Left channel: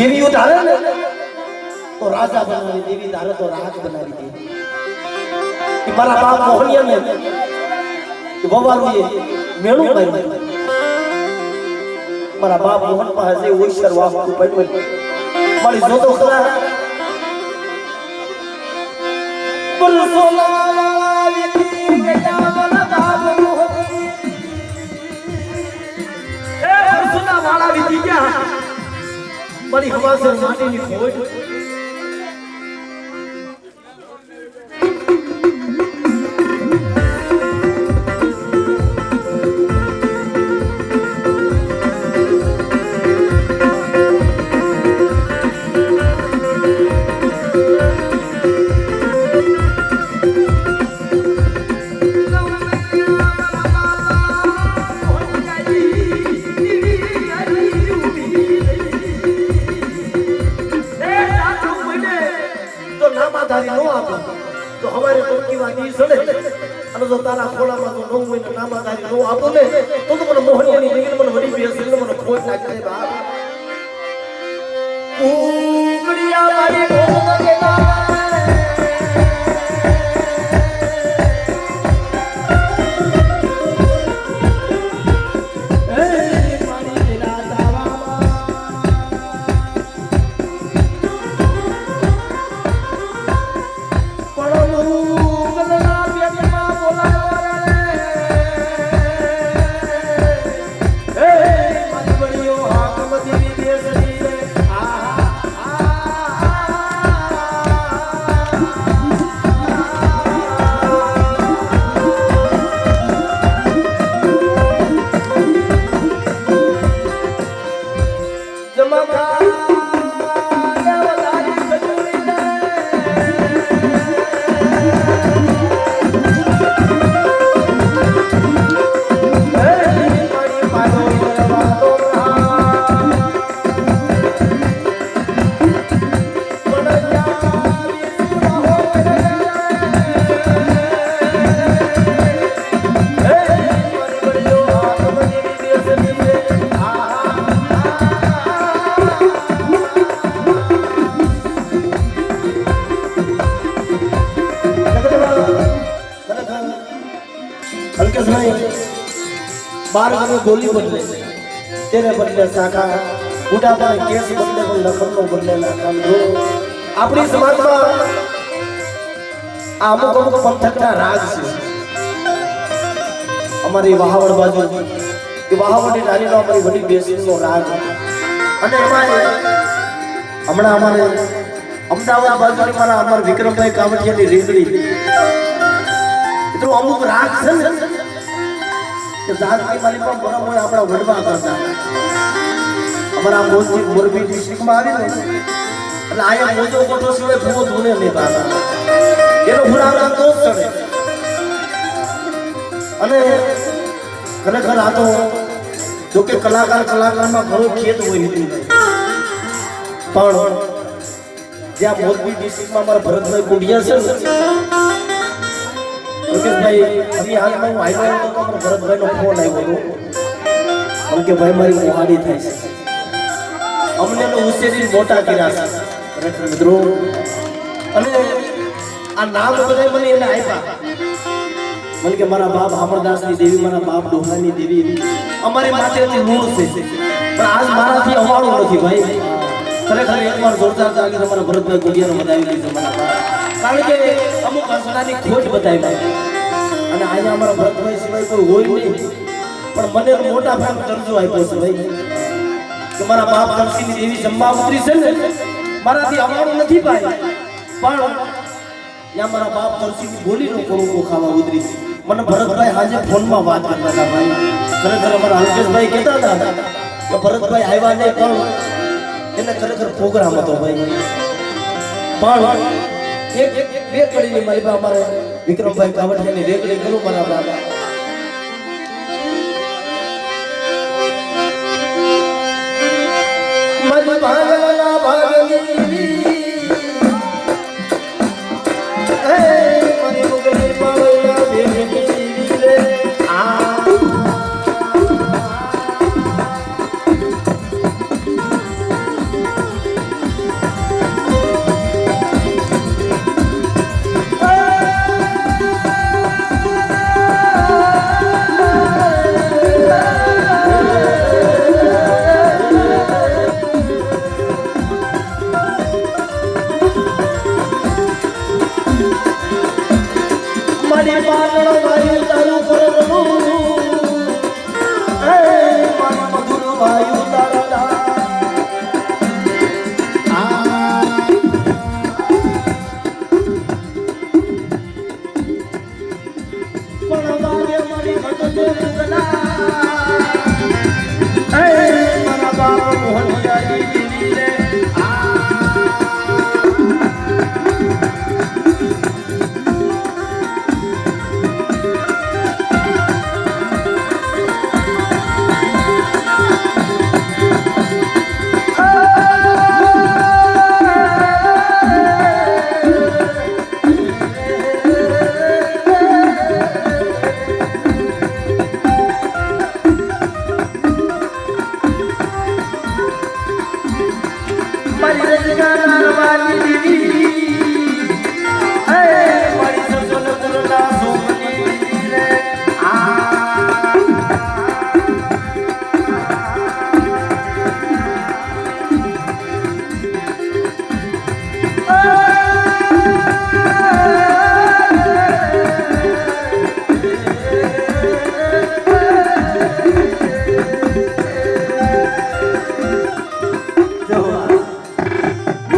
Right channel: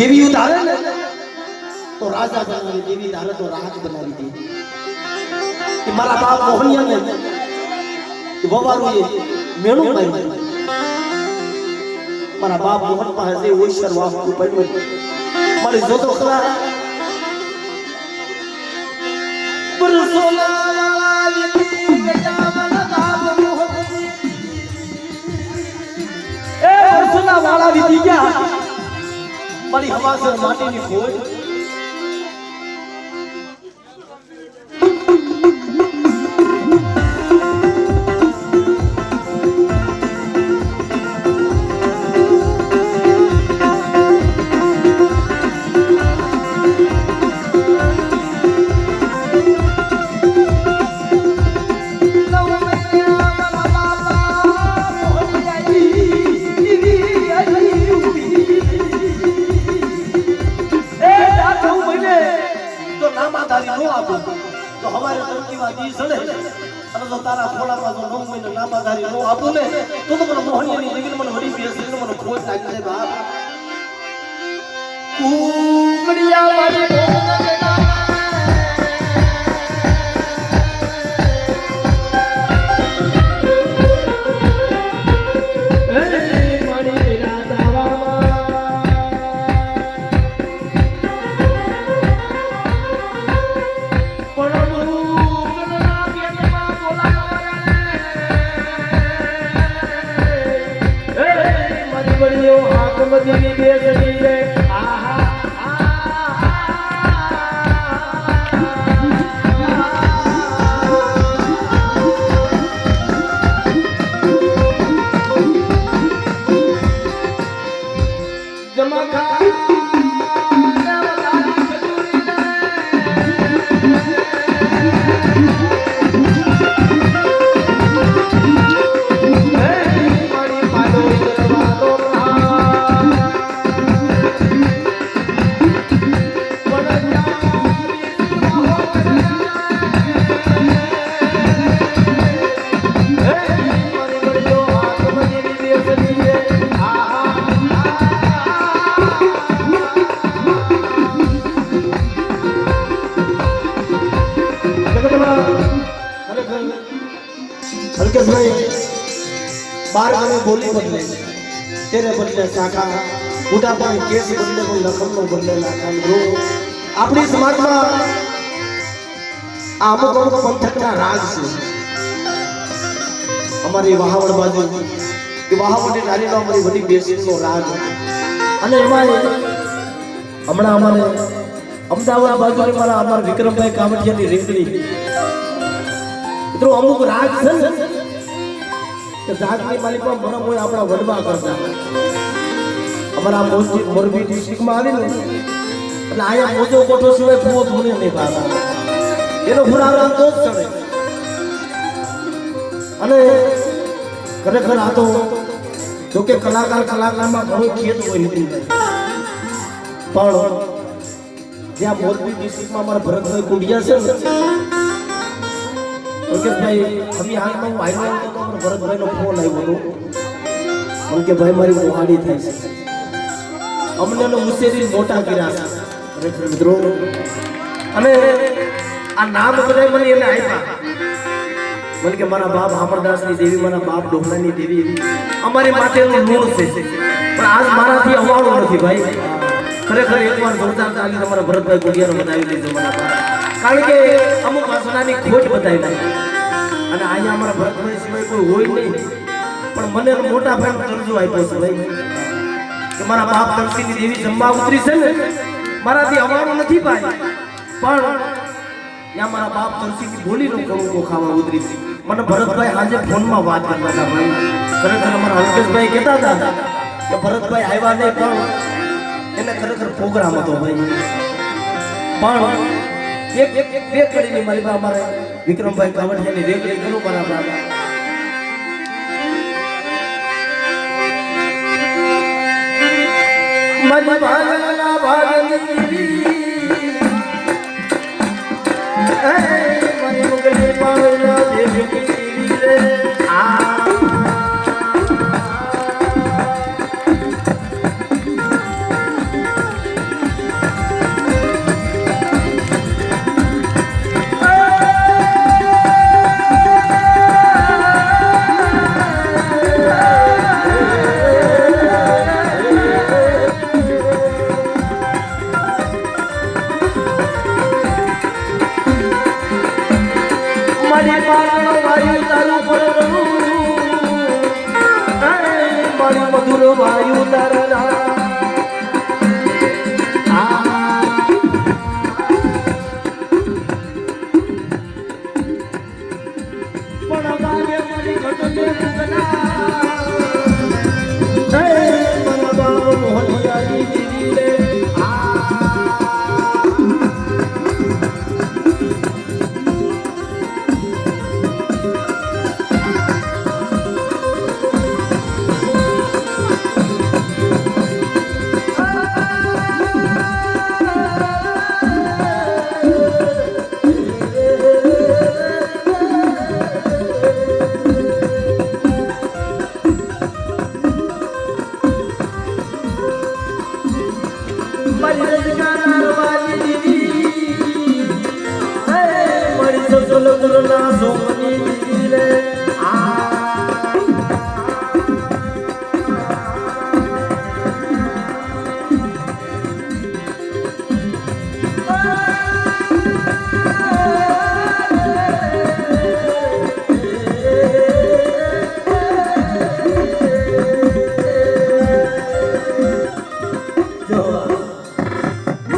દેવી ઉતારે ને તો રાજા બનાવી દેવી ધારે તો રાજ બનાવી દે કે મારા બાપ મોહનિયા ને વવારું એ મેળું કર્યું મારા બાપ મોહન પાસે ઓઈસર વાપરું પડ્યું મારી જોતો ખરા મારી હવાસર માટીની ખોજ તો હવારે ટંકીમાં દી સડે અને જો તારા ખોળામાં જો નવું હોય ને નામાધારી નો આપું ને તો મને મોહનિયાની દીકરી મને વળી બેસી મને ખોટ લાગી જાય બાપ કુકડિયા મારી बार आगे बोली बदले तेरे बदले शाखा बूटा पर केस बदले को लखन को बदले लाखन जो अपनी समाज में आप पंथक का राज से हमारी वहावड़ बाजू कि वहावड़ी नारी में हमारी बड़ी बेसी को राज અને અમારે હમણાં અમારે અમદાવાદ બાજુની મારા અમાર વિક્રમભાઈ કાવડિયાની રેગડી તો અમુક રાગ છે ને જાતની માલિકમાં મને કોઈ આપણા વડવા કરતા અમારા મોરબી ડિસ્ટ્રિક્ટમાં આવી ને એટલે આયા મોજો કોટો સિવાય ભૂવો ધૂણે નહીં પાતા એનો ભૂરાવડા તો જ ચડે અને ખરેખર આ તો જોકે કલાકારમાં ઘણો ખેત હોય નીકળી જાય પણ જ્યાં મોરબી ડિસ્ટ્રિક્ટમાં અમારા ભરતભાઈ કુંડિયા છે ને ભાઈ અભી હાલમાં હું આવ્યો તો અમારા ભરતભાઈનો ફોન આવ્યો હતો કે ભાઈ મારી મોહાડી થાય છે અમને ઉછેરી મોટા કર્યા છે ખરેખર મિત્રો અને આ નામ બધા મને એને આપ્યા મને કે મારા બાપ અમરદાસની દેવી મારા બાપ ડોહલાની દેવી અમારી માટેનું ઋણ છે પણ આજ મારાથી અવાળો નથી ભાઈ ખરેખર એકવાર જોરદાર તાલી તમારા ભરતભાઈ કુંડિયાનો બતાવી દીધો મારા બાપ કારણ કે અમુક વાસનાની ખોટ બતાવી અને અહીંયા અમારા ભરતભાઈ સિવાય કોઈ હોય નહીં પણ મને મોટા ભાગ કરજો આપ્યો છે ભાઈ કે મારા બાપ તલસીની દેવી જમવા ઉતરી છે ને મારાથી અવાળો નથી ભાઈ પણ ત્યાં મારા બાપ તલસીની બોલીનો કણુકો ખાવા ઉતરી છે મને ભરતભાઈ આજે ફોનમાં વાત કરતા હતા ભાઈ ખરેખર અમારા અલ્કેશભાઈ કહેતા હતા કે ભરતભાઈ આવ્યા નહીં પણ એને ખરેખર પ્રોગ્રામ હતો ભાઈ પણ એક કડીની મારી પાસે અમારે વિક્રમભાઈ કાવડિયાની રેગડી ગયું મારા બાપ મજ ભાગલા ભાગની